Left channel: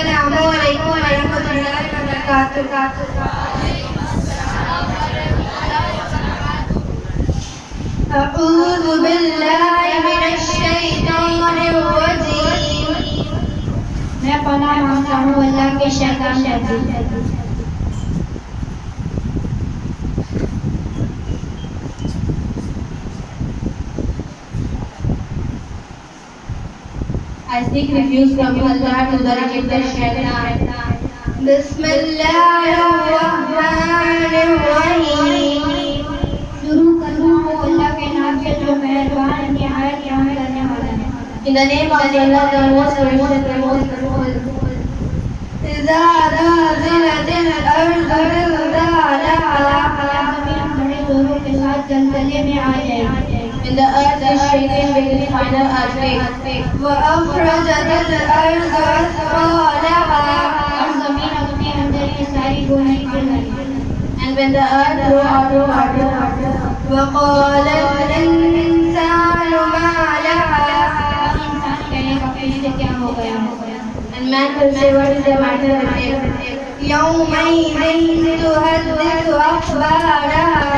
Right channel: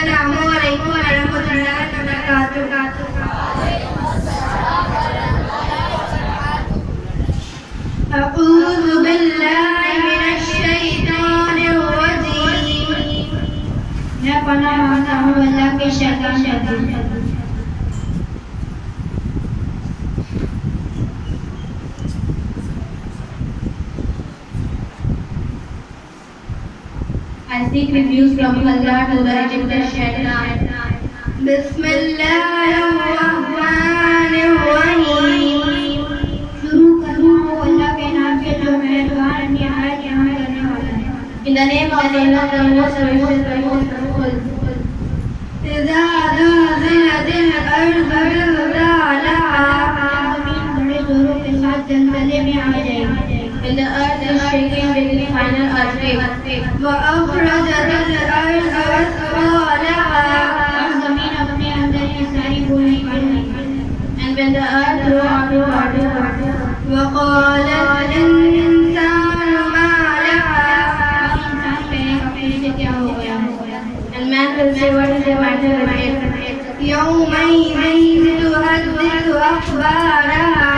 अस्सलामुअलैकुम वरहमतुल्लाहि वबरकातुहू। अऊज़ु बिल्लाहि मिनश शैतानिर रजीम। मैं पनाह मांगता हूँ अल्लाह के शैतान रजीम। I seek refuge from Allah to the rejected shaitan. बिस्मिल्लाहिर्रहमानिर्रहीम। शुरू करता हूँ अल्लाह के नाम से जो मेहरबान निहायत रहम करने वाला है। In the name of Allah, the most gracious, the most merciful. إذا زلزلت الأرض زلزالها। ज़मीन बड़े जोरों के साथ जलजले में आ जाएगी। When the earth is shaken with its final earthquake. وأخرجت الأرض أثقالها। ज़मीन अपने अंदर की सारी बोझ निकाल देगी। And when the earth threw out her water. وقال الإنسان ما لها। इंसान कहेगा कि इसे क्या हो गया? And man will say, what is the matter with it? يومئذ تحدث أخبارها।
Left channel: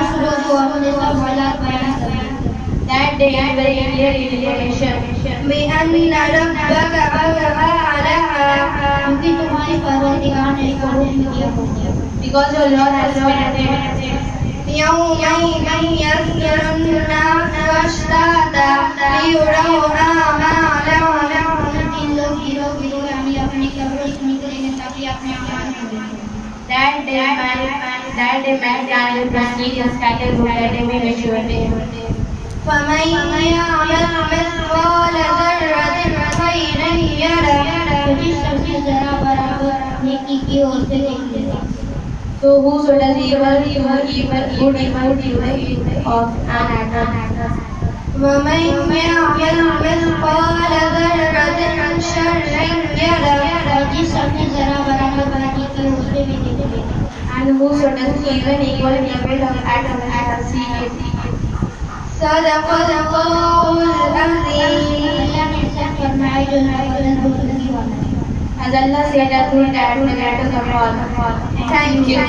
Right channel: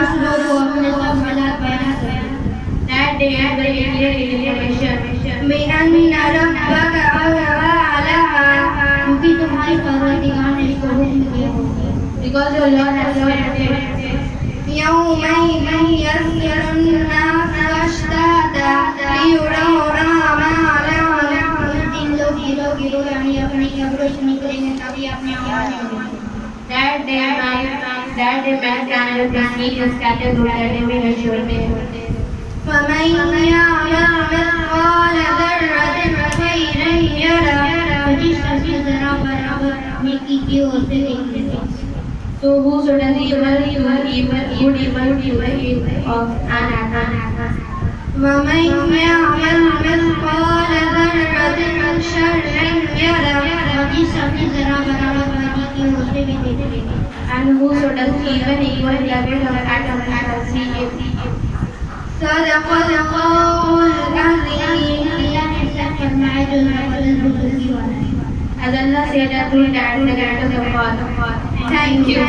उस रोज़ वो अपने सब हालात बयान करेगी। That day it will declare information. بأن ربك أوحى لها। क्योंकि तुम्हारे परवरदिगार ने इसको हुक्म दिया होगा। Because your Lord has commanded. يومئذ يصدر الناس أشتاتا ليروا أعمالهم। दिन लोग गिरो गिरो यानी अपनी कब्रों से निकलेंगे ताकि अपने अमाल को देखें। That day mankind will be seen in scattered groups that they may not. فمن يعمل مثقال ذرة خيرا يره। जिस शख्स ने जरा बराबर नेकी की ओर से देख लेगा। So whoso does evil, good evil of an act. ومن يعمل مثقال ذرة شرا يره। जिस शख्स ने जरा बराबर नेकी की ओर से भी देख लेगा। And whoso does evil equal in the weight of an act of see it. As Allah said, that through that the letters of God. Thank you.